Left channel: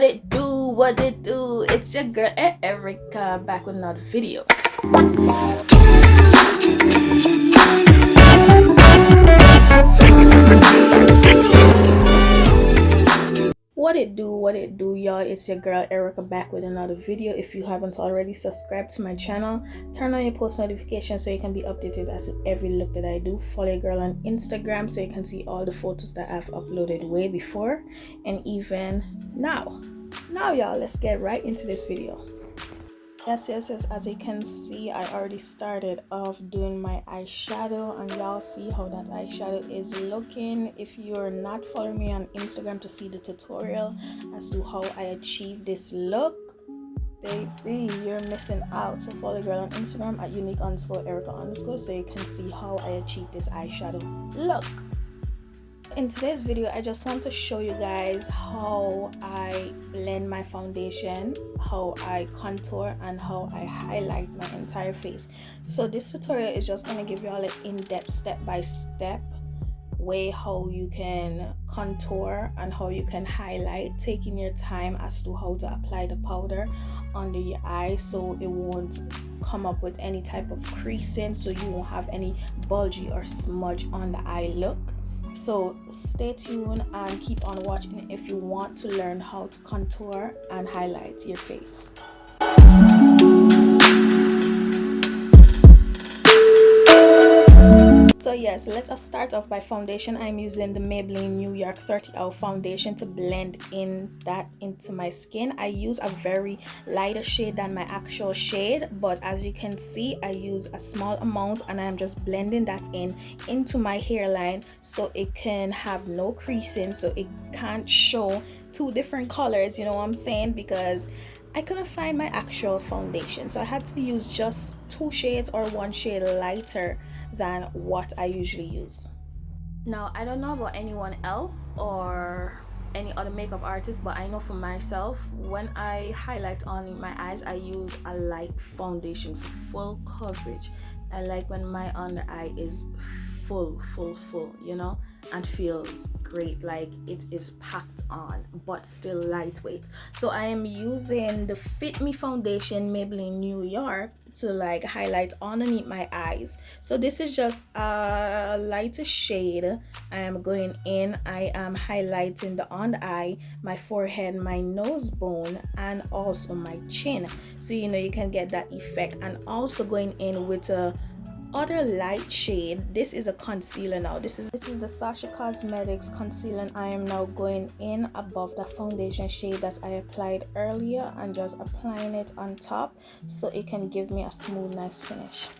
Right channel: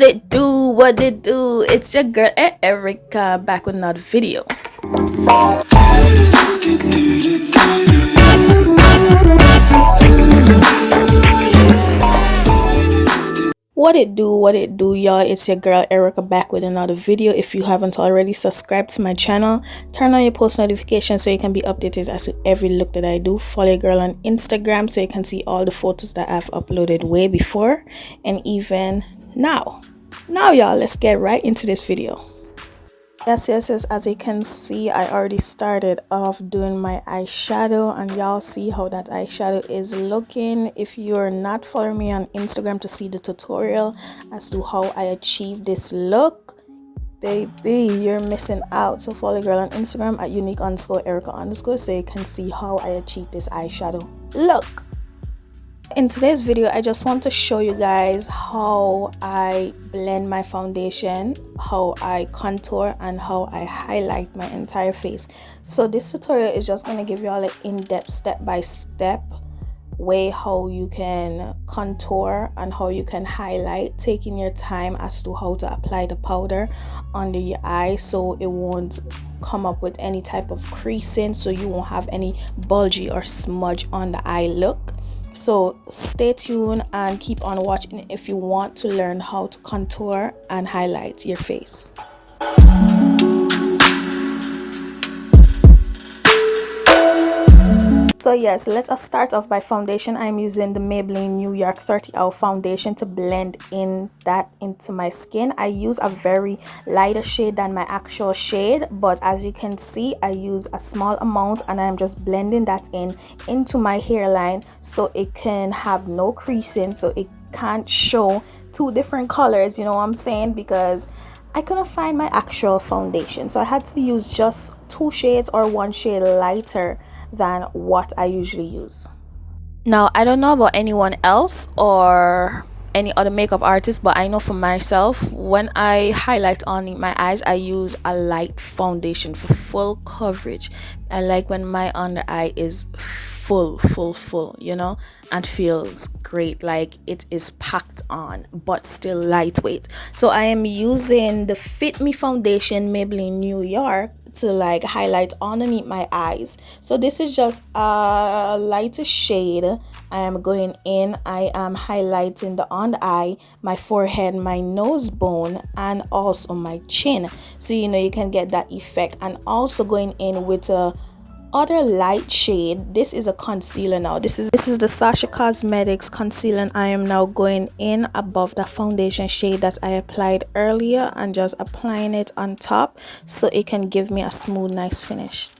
What it do? It's your girl Erica back with another video. What it do, y'all? It's your girl Erica back with another video. If you haven't already, subscribe to my channel, turn on your post notifications so you can be updated as to every look that I do. Follow your girl on Instagram so you can see all the photos that I've uploaded way before and even now. Now y'all, let's get right into this video. Yes, as you can see, I already started off doing my eyeshadow and y'all see how that eyeshadow is looking. If you're not following me on Instagram to see the tutorial as to how I achieve this look, baby, you're missing out. So follow girl on Instagram at unique_Erica_ so you can see how I achieve this eyeshadow look. In today's video, I just want to show you guys how I blend my foundation, how I contour, and how I highlight my entire face. So this tutorial is just going to give you all an in-depth step-by-step way how you can contour and how you can highlight, taking your time as to how to apply the powder under your eye so it won't come up with any type of creasing, so you won't have any bulgy or smudge on the eye look. So stay tuned and keep on watching if you want to learn how to contour and highlight your face. So yes, let us start off by foundation. I'm using the Maybelline New York 30 Hour foundation to blend into my skin. I use a very lighter shade than my actual shade, but as you can see, I use a small amount and I'm just blending that into my hairline so it can have no creasing, so it can't show two different colors, you know what I'm saying, because I couldn't find my actual foundation, so I had to use just two shades or one shade lighter than what I usually use. Now, I don't know about anyone else or any other makeup artist, but I know for myself, when I highlight on my eyes, I use a light foundation for full coverage. I like when my under eye is full, you know, and feels great, like it is packed on but still lightweight. So I am using the Fit Me foundation Maybelline New York to like highlight underneath my eyes. So this is just a lighter shade. I am going in, I am highlighting the under eye, my forehead, my nose bone, and also my chin, so you know you can get that effect. And also going in with a other light shade. This is a concealer now. This is the Sasha Cosmetics concealer, and I am now going in above the foundation shade that I applied earlier and just applying it on top so it can give me a smooth, nice finish.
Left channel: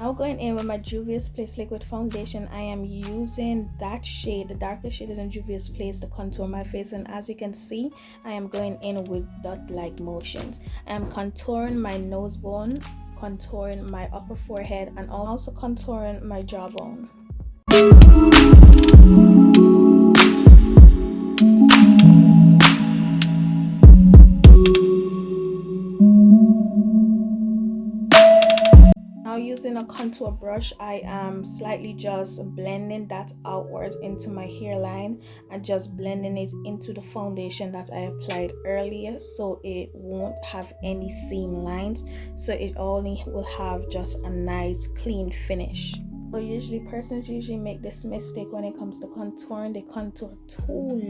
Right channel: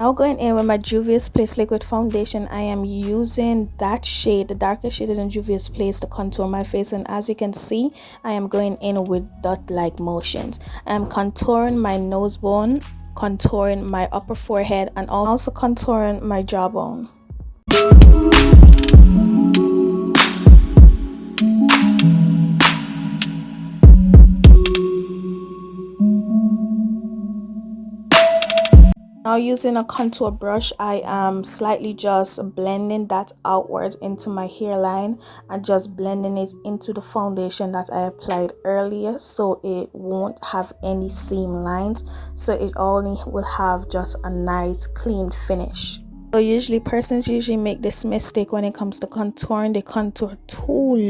Now going in with my Juvia's Place liquid foundation, I am using that shade, the darker shade in Juvia's Place, to contour my face, and as you can see, I am going in with dot-like motions. I am contouring my nose bone, contouring my upper forehead, and also contouring my jawbone. Now using a contour brush, I am slightly just blending that outwards into my hairline and just blending it into the foundation that I applied earlier so it won't have any seam lines, so it only will have just a nice clean finish. So persons usually make this mistake when it comes to contouring. They contour too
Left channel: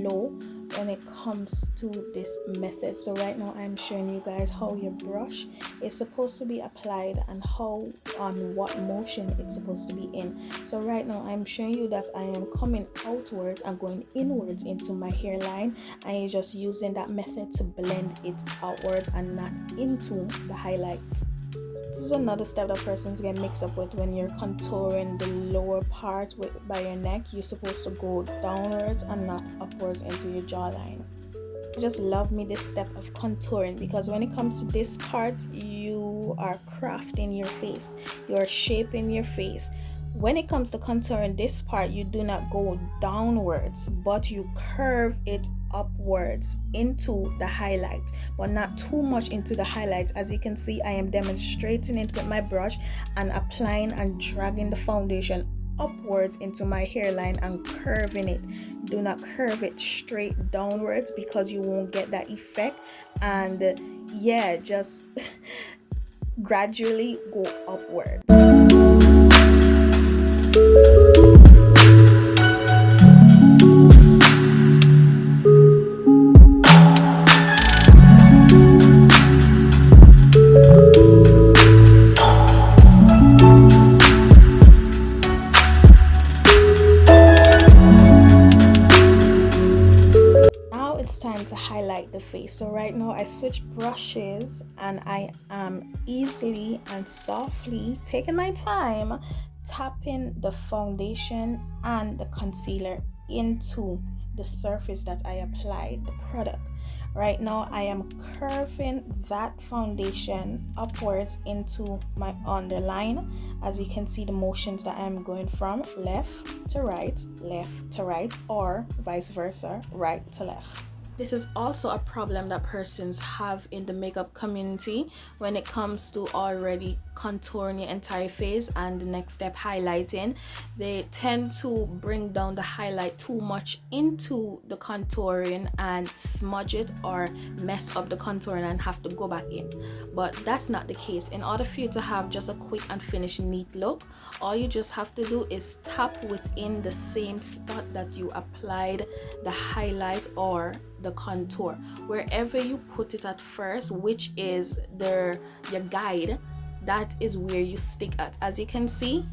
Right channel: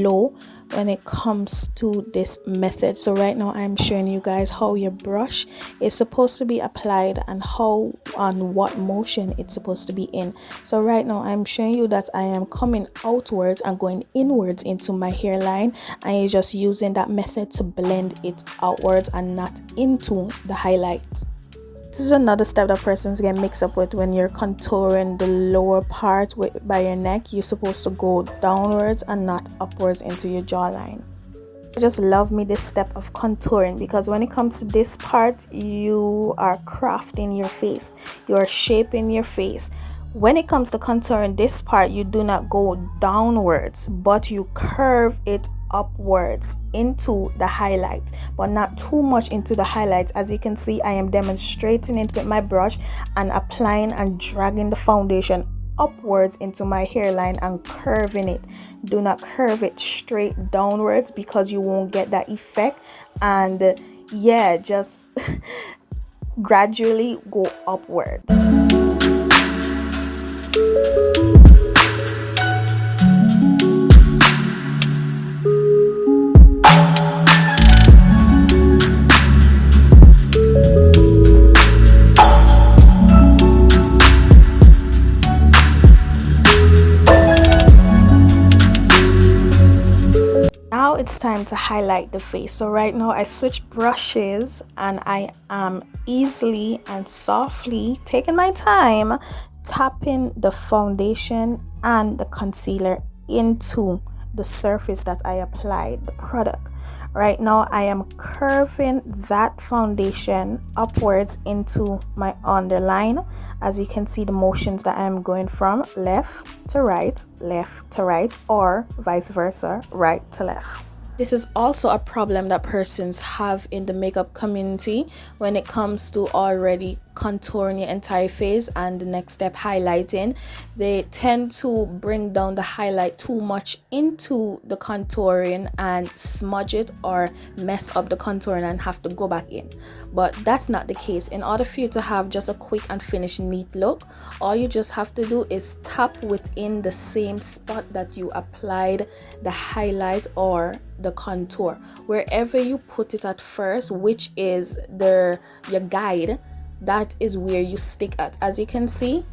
low when it comes to this method. So right now I'm showing you guys how your brush is supposed to be applied and how on what motion it's supposed to be in. So right now I'm showing you that I am coming outwards and going inwards into my hairline, and you're just using that method to blend it outwards and not into the highlight. This is another step that persons get mixed up with when you're contouring the lower part by your neck. You're supposed to go downwards and not upwards into your jawline. I just love me this step of contouring because when it comes to this part, you are crafting your face, you are shaping your face. When it comes to contouring this part, you do not go downwards, but you curve it upwards into the highlight, but not too much into the highlight. As you can see, I am demonstrating it with my brush and applying and dragging the foundation upwards into my hairline and curving it. Do not curve it straight downwards because you won't get that effect. And yeah, just gradually go upwards. It's time to highlight the face. So right now I switch brushes and I am easily and softly taking my time tapping the foundation and the concealer into the surface that I applied the product. Right now I am curving that foundation upwards into my underline. As you can see, the motions that I'm going from left to right, or vice versa, right to left. This is also a problem that persons have in the makeup community when it comes to already contouring your entire face and the next step, highlighting. They tend to bring down the highlight too much into the contouring and smudge it or mess up the contouring and have to go back in. But that's not the case. In order for you to have just a quick and finished neat look, all you just have to do is tap within the same spot that you applied the highlight or the contour, wherever you put it at first, which is your guide. That is where you stick at. As you can see,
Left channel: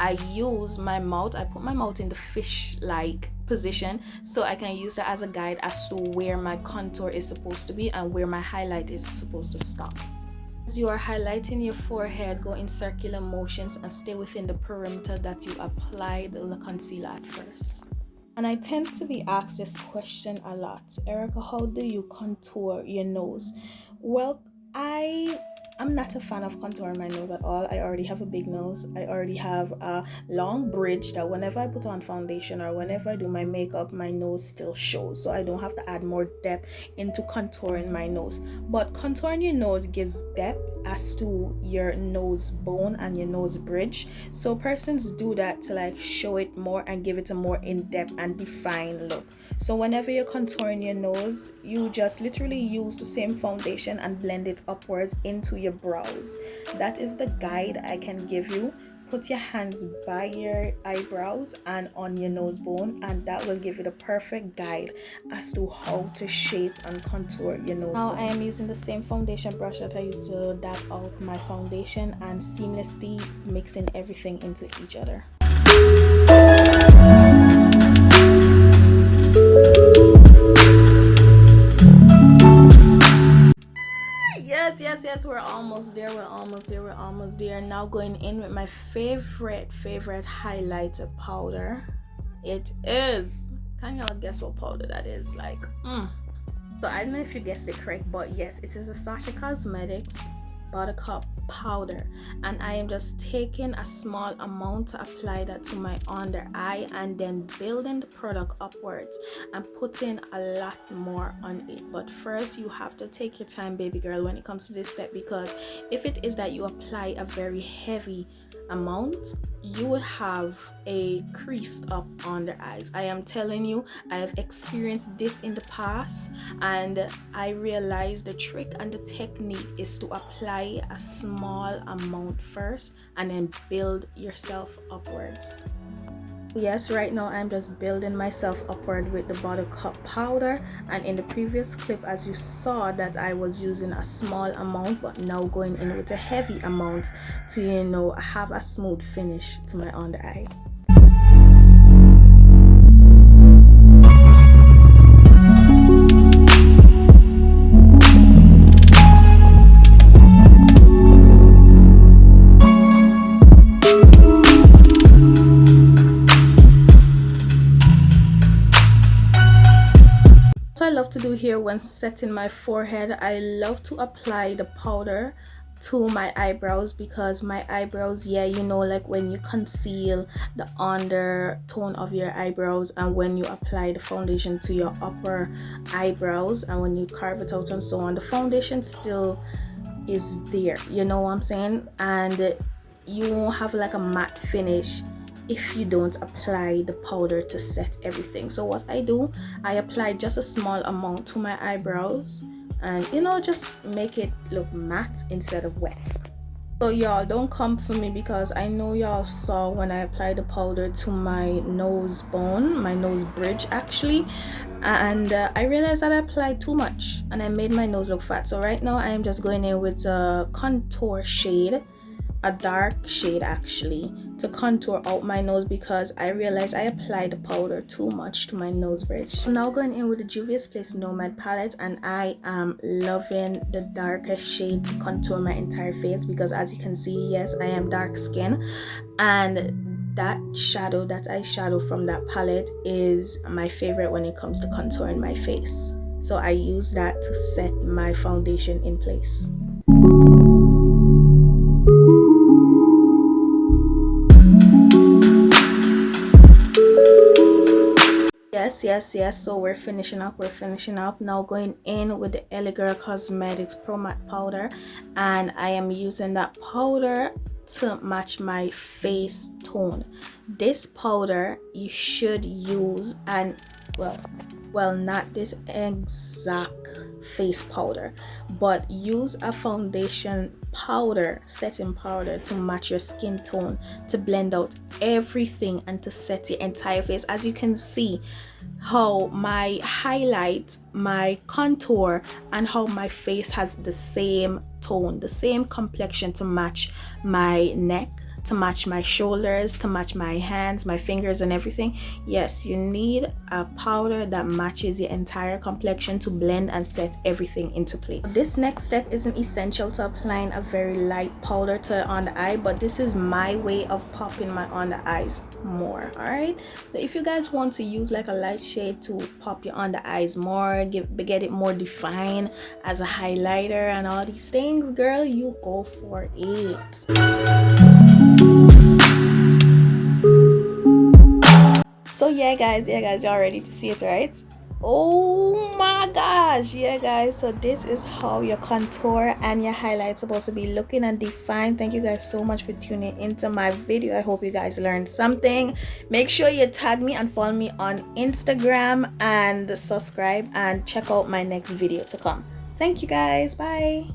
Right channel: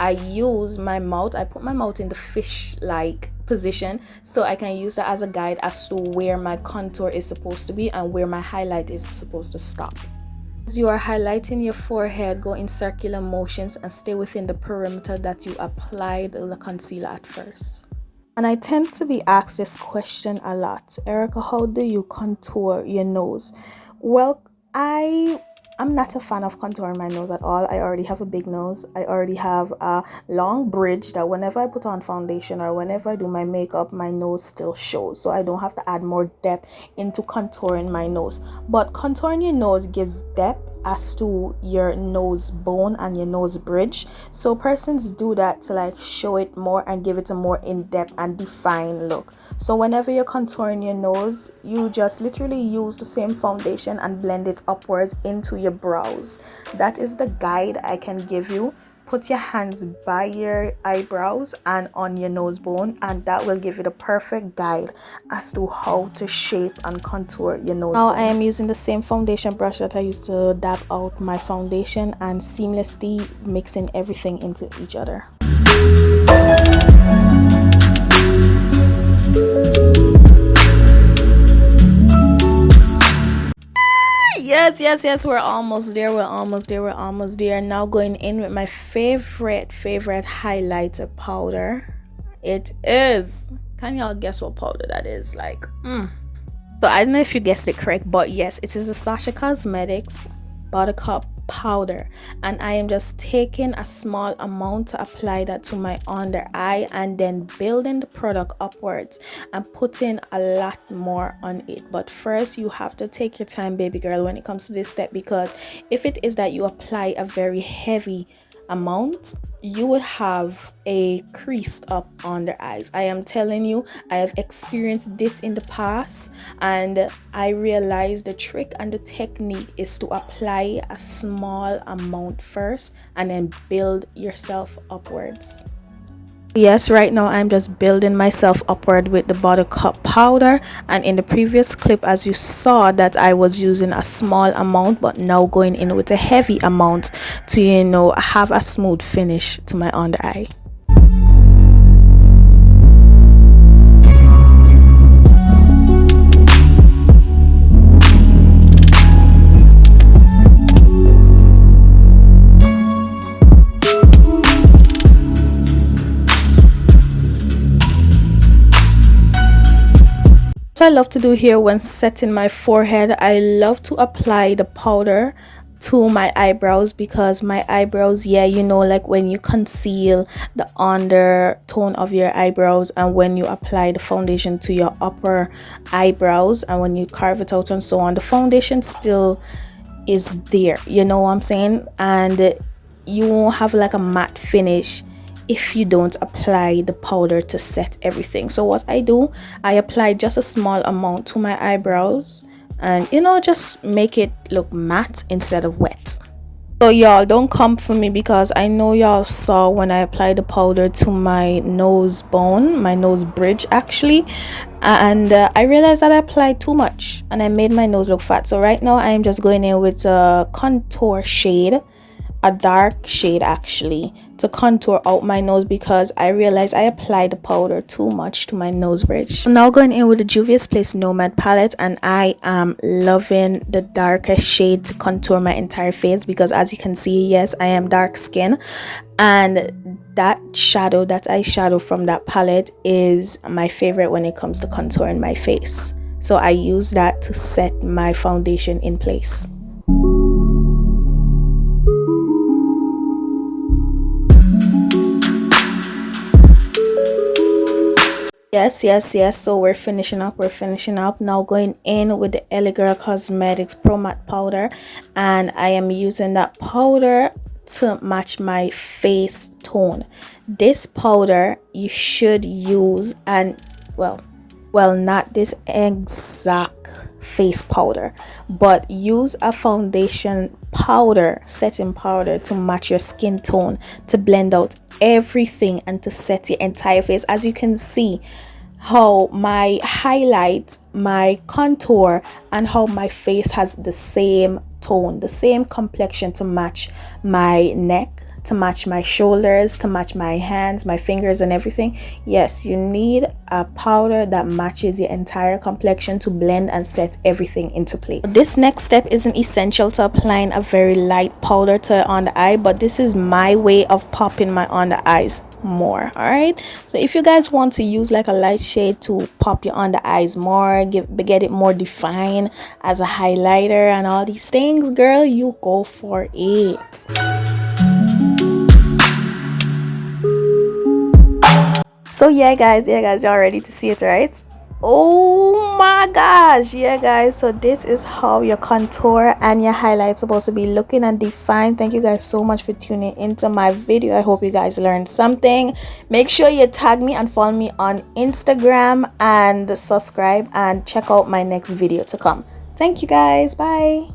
I use my mouth. I put my mouth in the fish-like position so I can use that as a guide as to where my contour is supposed to be and where my highlight is supposed to stop. As you are highlighting your forehead, go in circular motions and stay within the perimeter that you applied the concealer at first. And I tend to be asked this question a lot. Erica, how do you contour your nose? Well, I'm not a fan of contouring my nose at all. I already have a big nose. I already have a long bridge that whenever I put on foundation or whenever I do my makeup, my nose still shows. So I don't have to add more depth into contouring my nose. But contouring your nose gives depth as to your nose bone and your nose bridge. So persons do that to like show it more and give it a more in-depth and defined look. So whenever you're contouring your nose, you just literally use the same foundation and blend it upwards into your brows. That is the guide I can give you. Put your hands by your eyebrows and on your nose bone, and that will give you the perfect guide as to how to shape and contour your nose bone. Now I am using the same foundation brush that I used to dab out my foundation and seamlessly mixing everything into each other. Yes, we're almost there. Now going in with my favorite highlighter powder. It is, can y'all guess what powder that is? So I don't know if you guessed it correct, but yes, it is the Sasha Cosmetics Buttercup powder, and I am just taking a small amount to apply that to my under eye and then building the product upwards and putting a lot more on it. But first you have to take your time, baby girl, when it comes to this step, because if it is that you apply a very heavy amount, you would have a creased up under eyes. I am telling you, I have experienced this in the past, and I realized the trick and the technique is to apply a small amount first and then build yourself upwards. Yes, right now I'm just building myself upward with the Buttercup powder, and in the previous clip, as you saw, that I was using a small amount, but now going in with a heavy amount to, you know, have a smooth finish to my under eye. I love to do here when setting my forehead, I love to apply the powder to my eyebrows, because my eyebrows, yeah, you know, like when you conceal the undertone of your eyebrows and when you apply the foundation to your upper eyebrows and when you carve it out and so on, the foundation still is there, you know what I'm saying, and you won't have like a matte finish if you don't apply the powder to set everything. So what I do, I apply just a small amount to my eyebrows, and you know, just make it look matte instead of wet. So y'all, don't come for me, because I know y'all saw when I applied the powder to my nose bone, my nose bridge actually, and I realized that I applied too much and I made my nose look fat. So right now I'm just going in with a contour shade, a dark shade actually, to contour out my nose, because I realized I applied the powder too much to my nose bridge. I'm now going in with the Juvia's Place Nomad palette, and I am loving the darker shade to contour my entire face, because as you can see, yes, I am dark skin, and that eyeshadow from that palette is my favorite when it comes to contouring my face. So I use that to set my foundation in place. Yes, so we're finishing up now, going in with the LA Girl Cosmetics Pro Matte powder, and I am using that powder to match my face tone. This powder you should use, and well, not this exact face powder, but use a foundation powder, setting powder, to match your skin tone, to blend out everything and to set your entire face. As you can see how my highlight, my contour, and how my face has the same tone, the same complexion, to match my neck, to match my shoulders, to match my hands, my fingers, and everything. Yes, you need a powder that matches your entire complexion to blend and set everything into place. This next step isn't essential to applying a very light powder to on the eye, but this is my way of popping my on the eyes more. All right, so if you guys want to use like a light shade to pop your under eyes more, get it more defined as a highlighter and all these things, girl, you go for it. So yeah guys, y'all ready to see it, right? Oh my gosh, yeah guys, so this is how your contour and your highlight supposed to be looking and defined. Thank you guys so much for tuning into my video. I hope you guys learned something. Make sure you tag me and follow me on Instagram, and subscribe, and check out my next video to come. Thank you guys, bye.